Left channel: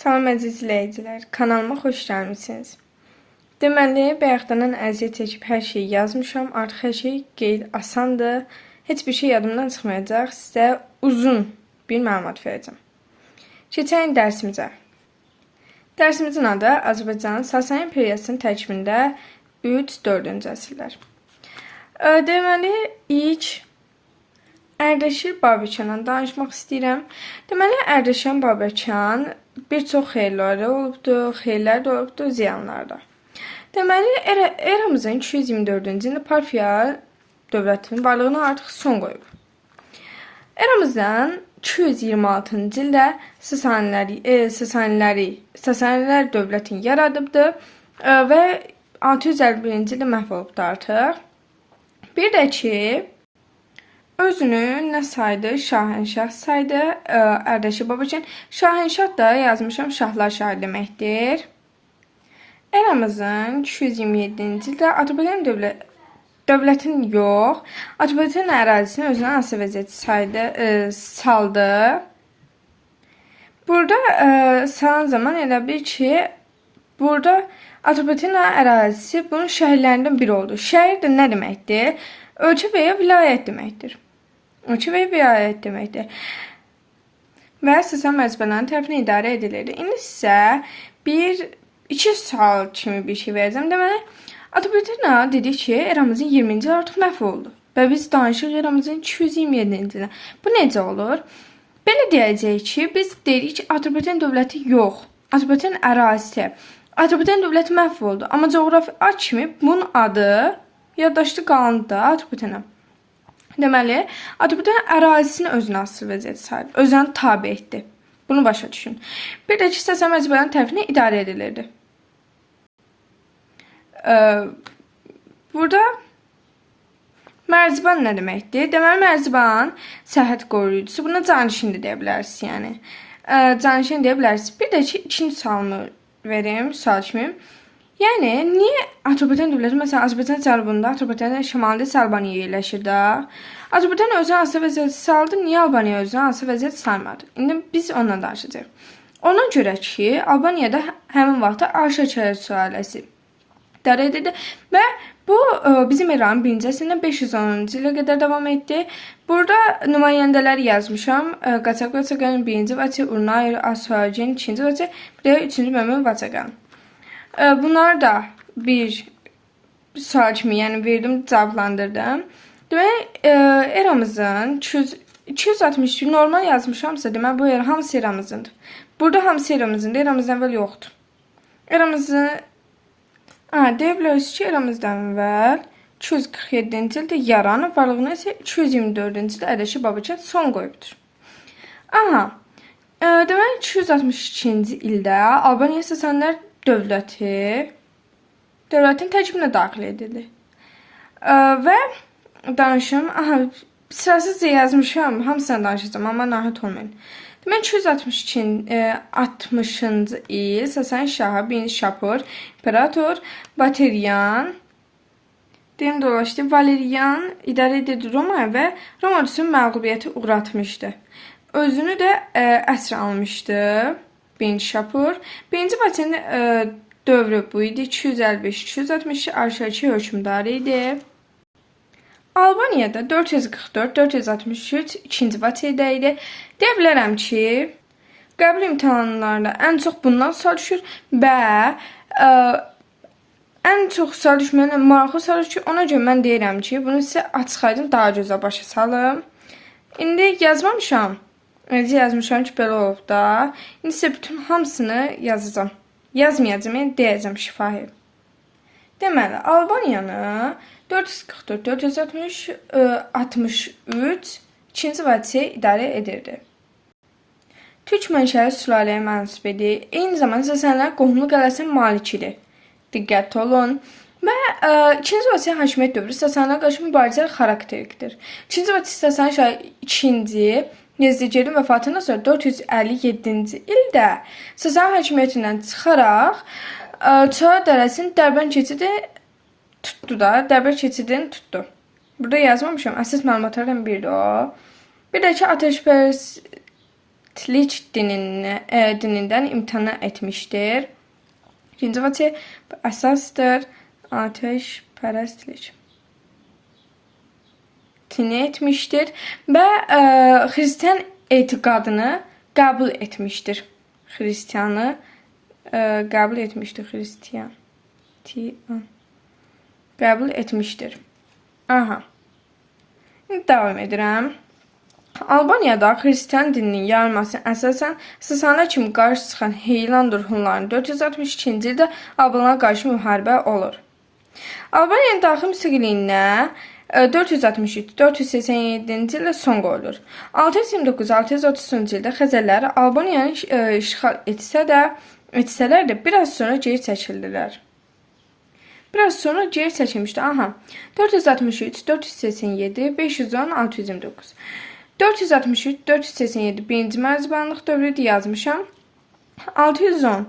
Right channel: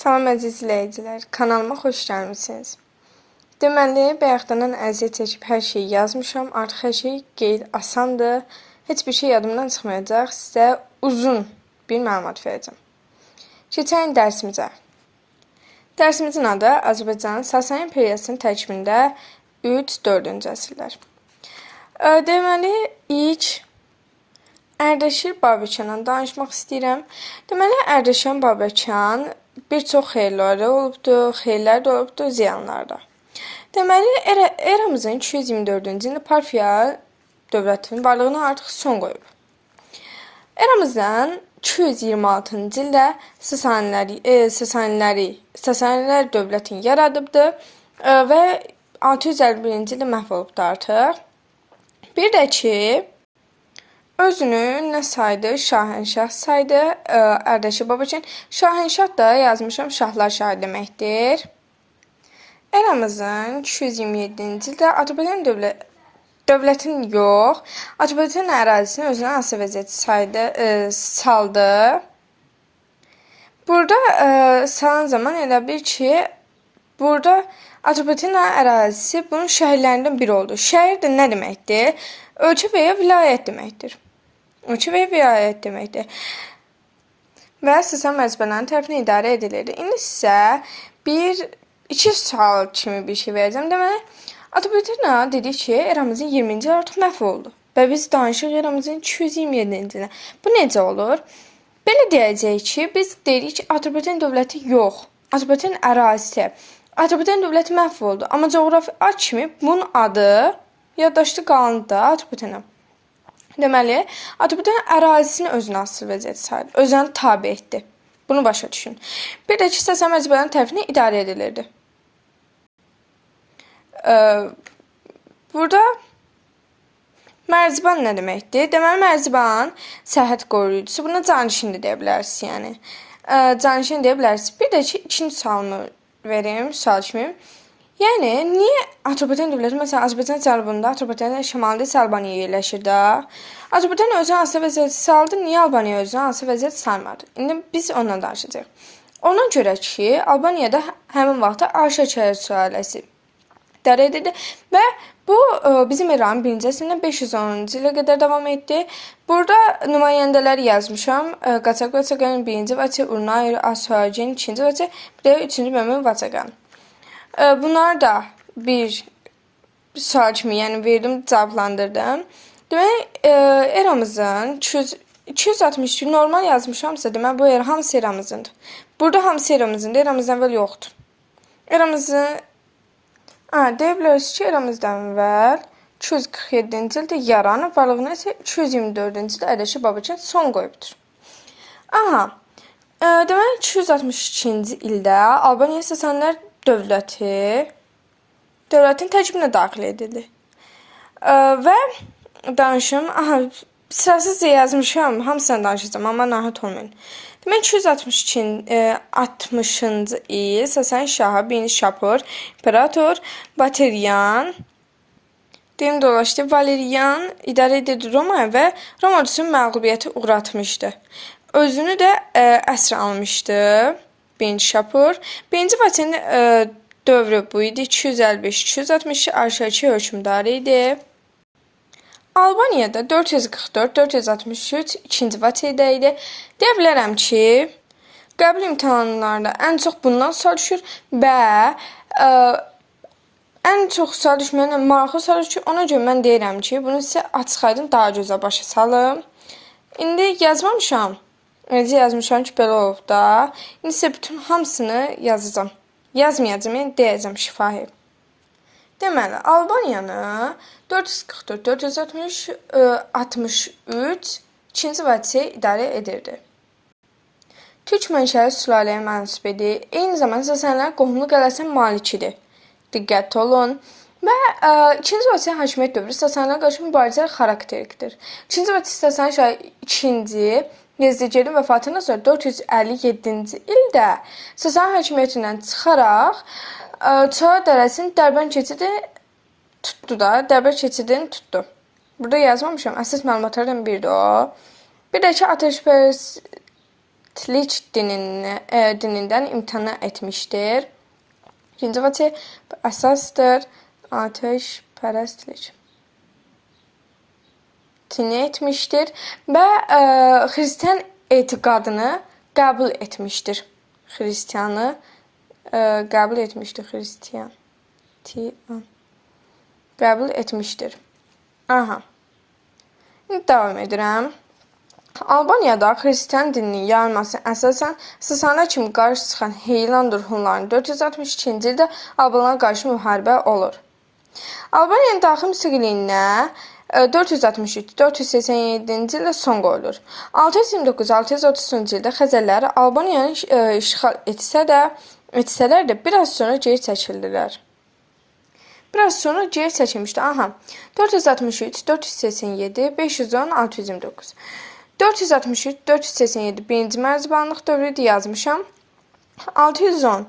Salam əziz izləyicilər, kanalıma xoş gəlmisiniz. Deməli, bayaqdan əziyyət çəkib hər şeyi yazmışam. Artıq hər şey qeyd asandır. Heç bir şey yadımdan çıxmayacaq. Sizə uzun bir məlumat verəcəm. Keçək dərsimizə. Dərsimizin adı Azərbaycanın Sasani imperiyasının tərkibində 3-4-cü əsrlər. Deməli, ilk Ərdəşir Babəkandan danışmaq istəyirəm. Deməli, Ərdəşir Babəkan bir çox xeyirləri olubdur, xeyirlər də olubdur, ziyanlar da. Deməli, eramızın 224-cü ildə Parfiya dövlətinin varlığına artıq son qoyub. Eramızdan 226-cı ildə Sasanilər dövlətini yaradıbdır və 651-ci ildə məhv olubdur artıq. Bir də ki, özünü nə saydı? Şahənşah saydı. Ərdəşir Babəkan. Şahənşah da yazmışam, şahlar şahı deməkdir. Eramızın 227-ci ildə Azərbaycan dövlətin yox, Azərbaycan ərazisini özünə asılı vəziyyətə saldı. Burada salan zaman elə bil ki, burada Azərbaycan ərazisi bunun şəhərlərindən biri oldu. Şəhər də nə deməkdir? Ölkə və ya vilayət deməkdir. Ölkə və ya vilayət deməkdir. Və Sasani mərcibələrin tərəfindən idarə edilirdi. İndi sizə 2 sual kimi bir şey verəcəm. Deməli, Azərbaycan dedik ki, eramızın 20-ci il artıq məhv oldu. Və biz danışırıq eramızın 227-ci ilə. Bu necə olur? Belə deyəcəyik ki, biz deyirik ki, Azərbaycan dövləti yox. Azərbaycan ərazisi. Azərbaycan dövləti məhv oldu. Amma coğrafi ad kimi bunun adı yaddaşda qaldı da Azərbaycana. Deməli, Azərbaycan ərazisini özünə asılı vəziyyətə saldı. Özünə tabe etdi. Bunu başa düşün. Bir də ki, Sasani mərcibələrin tərəfindən idarə edilirdi. Burada mərciban nə deməkdir? Deməli, mərciban sərhəd qoruyucusu. Buna canişin də deyə bilərsiniz, yəni. Canişin deyə bilərsiniz. Bir də ki, ikinci sualımı verim, sual kimi. Yəni, niyə Azərbaycan dövləti, məsələn, Azərbaycan cənubunda, Azərbaycanın şəmalında isə Albaniya yerləşir də? Azərbaycan özünə asılı vəziyyətə saldı, niyə Albaniya özünə asılı vəziyyətə salmadı? İndi biz ondan danışacağıq. Ona görə ki, Albaniyada həmin vaxtda Arşakəyə sülaləsi idarə edirdi və bu bizim İranın 1-ci əsrində 510-cu ilə qədər davam etdi. Burada nümayəndələri yazmışam. Qaçaq Vaçaqanın 1-ci Vaçaq, Urnayır, Asfagen 2-ci Vaçaq, bir də 3-cü Məmən Vaçaqan. Bunları da bir sual kimi yəni verdim, cavablandırdım. Demək, eramızın 260 normal yazmışamsa, demək bu hamısı eramızındır. Burada hamısı eramızındır, eramızdan əvvəl yoxdur. Eramızı deyə bilərsiniz ki, eramızdan əvvəl 247-ci ildə yaranıb, varlığına isə 224-cü ildə Ərdəşir Babəkan son qoyubdur. Demək, 262-ci ildə Albaniya Sasanilər dövlətin tərkibinə daxil edildi. Və danışım, sırasız yazmışam, hamısını danışacağım, amma narahat olmayın. Demək, 260-cı il Sasani şahı 1-ci Şapur, İmperator Valerian idarə edirdi Romaya və Roma üçün məğlubiyyəti uğratmışdı. Özünü də əsr almışdı 1-ci Şapur. 1-ci Vaçaqın dövrü bu idi. 255-262 Arşakə hökmdarı idi. Albaniyada 444-463 2-ci Vaçaqda idi. Deyə bilərəm ki, qəbul imtahanlarında ən çox bundan sual düşür və ən çox sual düşməyən maraqlı sual düşür. Ona görə mən deyirəm ki, bunu sizə açıqaydım, daha gözəl başa salım. İndi yazmamışam. Necə yazmışam ki, belə olub da. İndi sizə bütün hamısını yazacağım. Yazmayacağım, yəni deyəcəm şifahi. Deməli, Albaniyanı 444-463 2-ci Vaçaq idarə edirdi. Türk mənşəli sülaləyə mənsub idi. Eyni zamanda Sasanilər qohumlu qələsin malikidir. Diqqətli olun. Və 2-ci Vaçaq hakimiyyət dövrü Sasanilər qarşı mübarizələr xarakterlikdir. 2-ci Vaçaq Sasani şahı 2-ci Yezdicərin vəfatından sonra 457-ci ildə Sasani hakimiyyətindən çıxaraq Çara dərəsinin Dərbənd keçidini tutdu. Burada yazmamışam, əsas məlumatlardan biridir o. Bir də ki, dinindən imtina etmişdir. İkinci vəci əsasdır. Ateşpərəstlik etmişdir və Hristiyan etiqadını qəbul etmişdir. Hristiyanı qəbul etmişdir. Hristiyan qəbul etmişdir. Aha. Davam edirəm. Albaniyada Hristiyan dininin yayılması əsasən Sasanilərə kimi qarşı çıxan Heylandur Hunların 462-ci ildə Albanlara qarşı müharibə olur. Albaniyanın daxili müstəqilliyinə 463-487-ci ildə son qoyulur. 629-630-cu ildə Xəzərlər Albaniyanı işğal etsələr də biraz sonra geri çəkildilər. Biraz sonra geri çəkilmişdi. Aha. 463, 487, 510, 629. 463, 487 birinci mərzibanlıq dövrüdür yazmışam. 610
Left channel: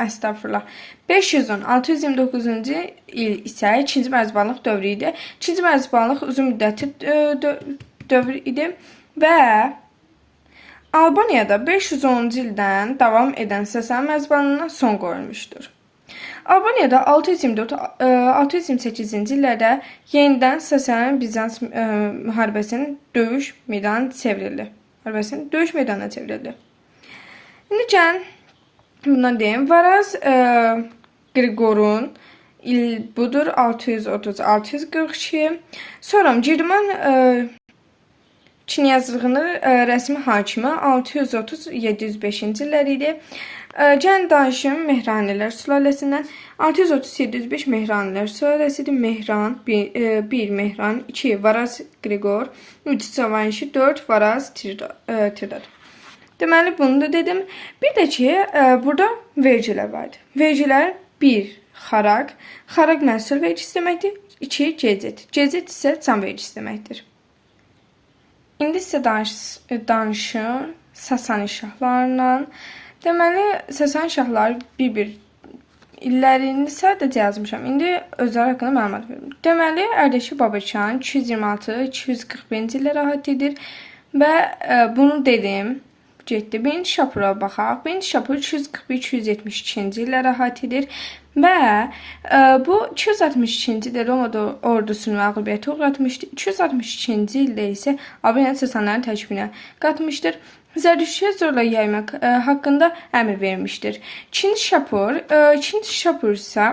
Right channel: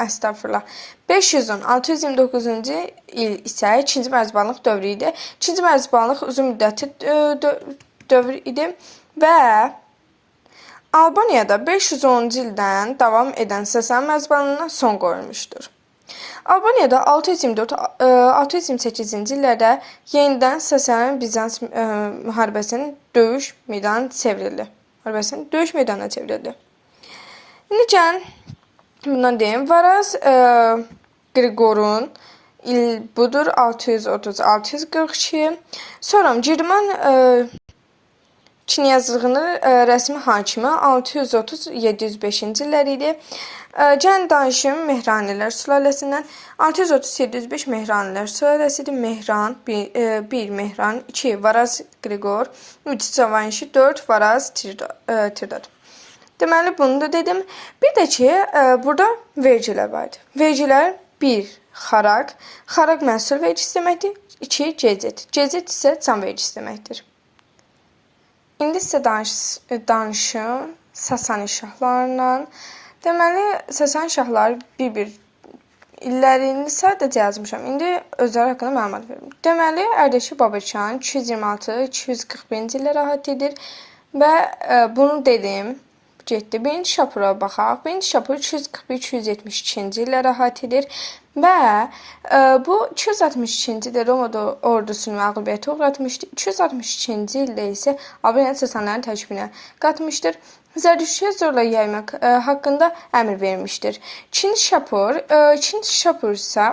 Əstəğfurullah. 510, 629-cu il isə ikinci mərzibanlıq dövrü idi. İkinci mərzibanlıq uzun müddətli dövr idi və Albaniyada 510-cu ildən davam edən Sasani mərzibanlığına son qoyulmuşdur. Albaniyada 624-628-ci illərdə yenidən Sasani-Bizans müharibəsinin döyüş meydanına çevrildi. İndi gəlin bundan deyim. Varaz Qriqorun il budur 630-642. Sonra Girman Çinyazlığının rəsmi hakimi 630-705-ci illər idi. Gəlin danışım Mehranilər sülaləsindən. 630-705 Mehranilər sülaləsidir. Mehran 1 Mehran 2 Varaz Qriqor 3 Cavanşi 4 Varaz Tirdad. Deməli bunu da dedim. Bir də ki burada vergilər vardı. Vergilər 1 xaraq. Xaraq məhsul vergisi deməkdir. 2 cezet. Cezet isə can vergisi deməkdir. İndi isə danışım Sasani şahlarından. Deməli, Sasani şahları bir-bir illərini sadəcə yazmışam. İndi özləri haqqında məlumat verim. Deməli, Ərdəşir Babacan 226-241-ci illərə aid edir və bunu dedim. Getdi. Birinci Şapura baxaq. Birinci Şapur 241-272-ci illərə aid edir və bu 262-ci ildə Roma ordusunu məğlubiyyətə uğratmışdı. 262-ci ildə isə Albaniya Sasanilərin tərkibinə qatmışdır. Zərdüştüyə zorla yaymaq haqqında əmr vermişdir. İkinci Şapur isə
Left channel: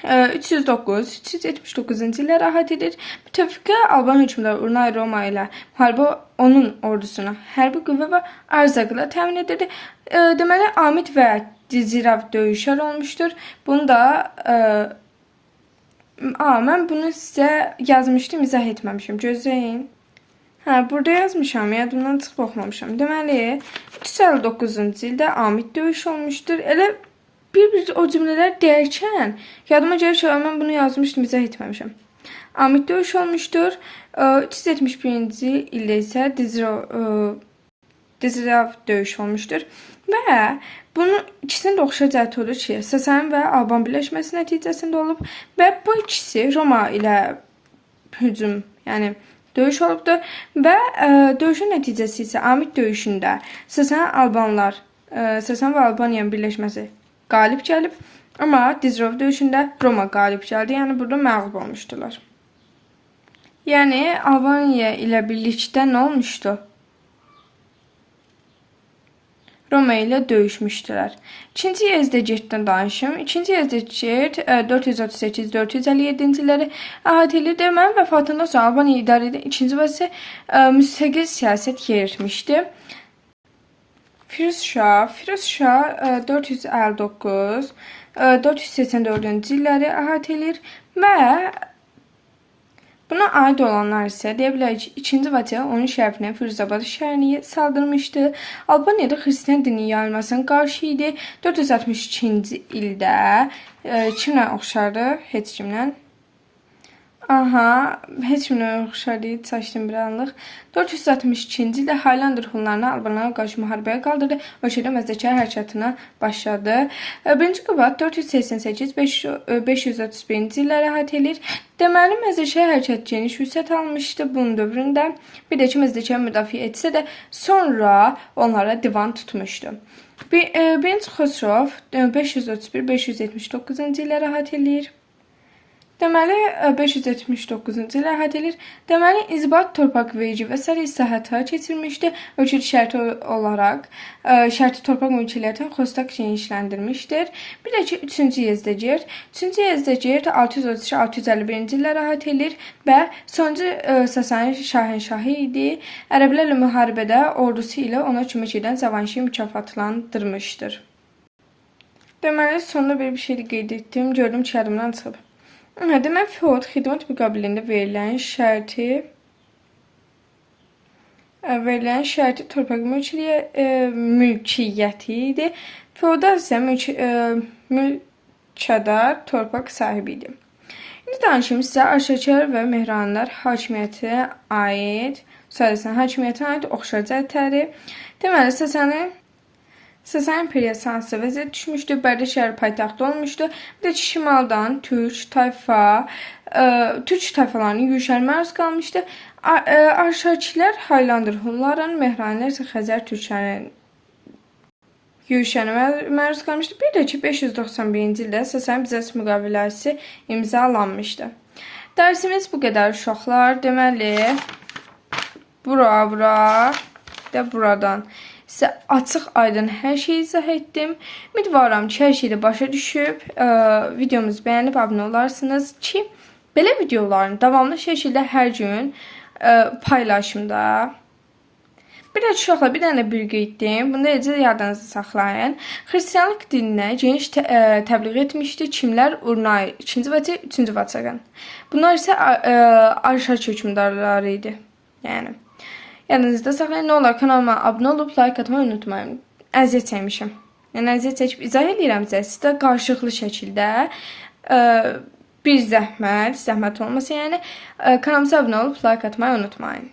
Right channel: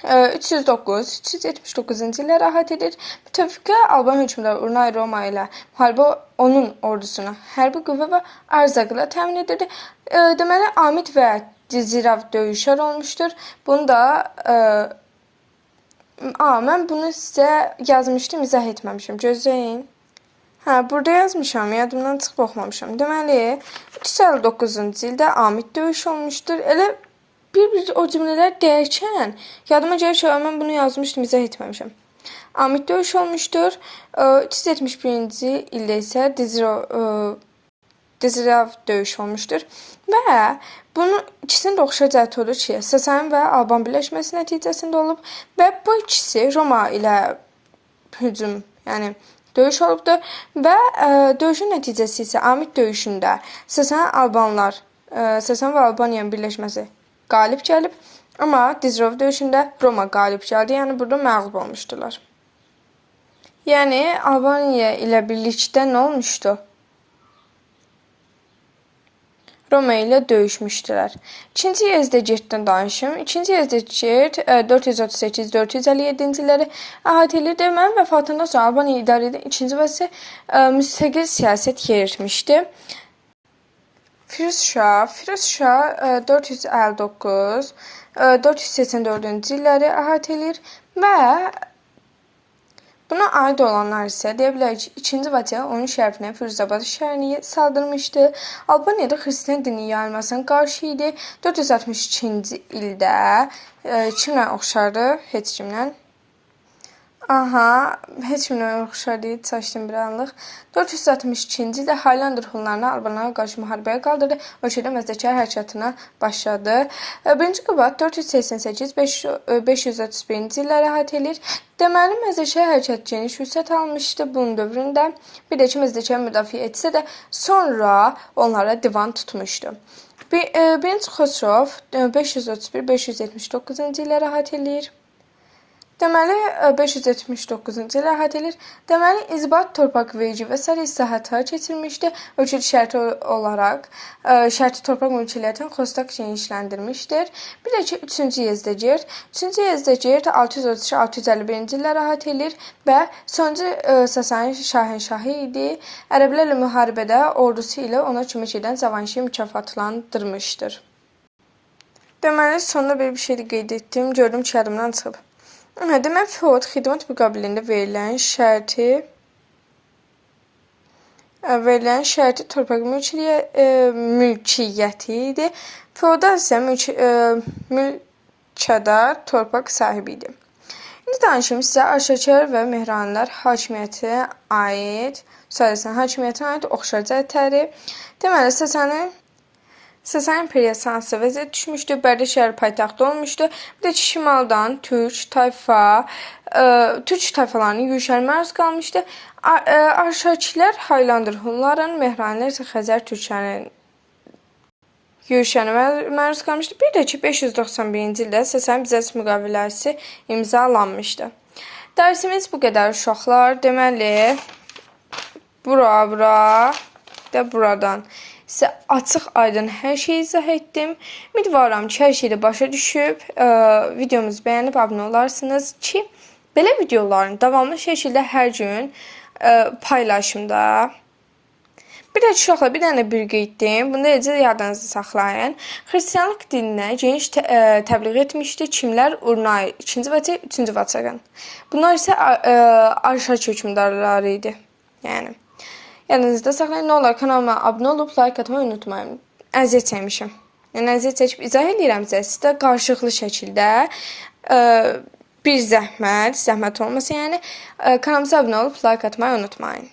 309-379-cu illərə aid edir. Müttəfiqə Alban hökmdarı Urnay Roma ilə müharibə onun ordusuna hərbi qüvvə və ərzaqla təmin edirdi. Deməli, Amid və Cizirav döyüşlər olmuşdur. Bunu da mən bunu sizə yazmışdım, izah etməmişim. Gözləyin. Burada yazmışam, yadımdan çıxıb oxumamışam. Deməli, 359-cu ildə Amid döyüş olmuşdur. Elə bir o cümlələr deyərkən yadıma gəlir ki, mən bunu yazmışdım, izah etməmişəm. Amid döyüş olmuşdur. 371-ci ildə isə Dizirav döyüş olmuşdur. Və bunun ikisinin də oxşar cəhəti olur ki, Sasani və Alban birləşməsi nəticəsində olub və bu ikisi Roma ilə hücum, yəni döyüş olubdur və döyüşün nəticəsi isə Amid döyüşündə Sasani və Albaniyanın birləşməsi qalib gəlib, amma Dizirav döyüşündə Roma qalib gəldi, yəni burada məğlub olmuşdular. Yəni Albaniya ilə birlikdə nə olmuşdu? Roma ilə döyüşmüşdülər. İkinci Yezdegerddən danışım. İkinci Yezdegerd 438-457-ci illəri əhatə edir. Deməli, vəfatından sonra Albaniya idarə edən ikinci vəsi müstəqil siyasət yeritmişdi. Firuz Şah 459-484-cü illəri əhatə edir və buna aid olanlar isə deyə bilər ki, 2-ci Vaçe onun şərəfinə Firuzabad şəhərini saldırmışdı. Albaniyada Hristiyan dininin yayılmasına qarşı idi. 462-ci ildə kimlə oxşardı? Heç kimlə. Aha, heç kimə oxşar deyil, çaşdım bir anlıq. 462-ci ildə Highlander hunlarını Albanlara qarşı müharibəyə qaldırdı, ölkədə məzdəkar hərəkatına başladı. 1-ci Qubad 488-531-ci illəri əhatə edir. Deməli, məzdəkar hərəkatı geniş vüsət almışdı bunun dövründə. Bir də ki, məzdəkar müdafiə etsə də sonra onlara divan tutmuşdu. 1-ci Xosrov 531-579-cu illəri əhatə edir. Deməli, 579-cu ilə əhatə edir. Deməli, inzibat torpaq verici və sair islahatlar keçirmişdi. Ölkədə şərti torpaq mülkiyyətini xostak genişləndirmişdir. Bir də ki, 3-cü Yezdəgirt. 3-cü Yezdəgirt 633-651-ci illər əhatə edir və sonuncu Sasani şahənşahı idi. Ərəblərlə müharibədə ordusu ilə ona kömək edən Cavanşi mükafatlandırmışdır. Deməli, sonunda bir şey qeyd etdim. Gördüm ki, yadımdan çıxıb. Demək, feod xidmət müqabilində verilən şərti torpaq mülkiyyəti idi. Feodal isə mülkədar torpaq sahibi idi. İndi danışım sizə Arşakər və Mehranilər hakimiyyətinə aid oxşar cəhətləri. Deməli, Sasani imperiyası hansı vəziyyət düşmüşdü, Bərdə şəhəri paytaxtı olmuşdu. Bir də ki, şimaldan türk tayfalarının yürüşlərinə məruz qalmışdı. Arşakilər Highlander hunların, Mehranilər isə Xəzər türklərinin yürüşlərinə məruz qalmışdı. Bir də ki, 591-ci ildə Sasani-Bizans müqaviləsi imzalanmışdı. Dərsimiz bu qədər uşaqlar. Deməli, buradan sizə açıq aydın hər şeyi izah etdim. Ümidvaram ki, hər şeyi başa düşüb, videomuzu bəyənib abunə olarsınız ki, belə videoların davamlı şəkildə hər gün paylaşımda. Bir də uşaqlar bir dənə bir qeyddim. Bunu da necə yadınızda saxlayın. Xristianlıq dininə geniş təbliğ etmişdi. Kimlər? Urnay, 2-ci Vaçaq, 3-cü Vaçaqın. Bunlar isə Arşak hökmdarları idi. Yəni yanınızda saxlayın. Nə olar, kanalıma abunə olub like atmayı unutmayın. Əziyyət çəkmişəm. Yəni əziyyət çəkib izah edirəm sizə qarşılıqlı şəkildə bir zəhmət olmasa, yəni kanalımıza abunə olub like atmayı unutmayın.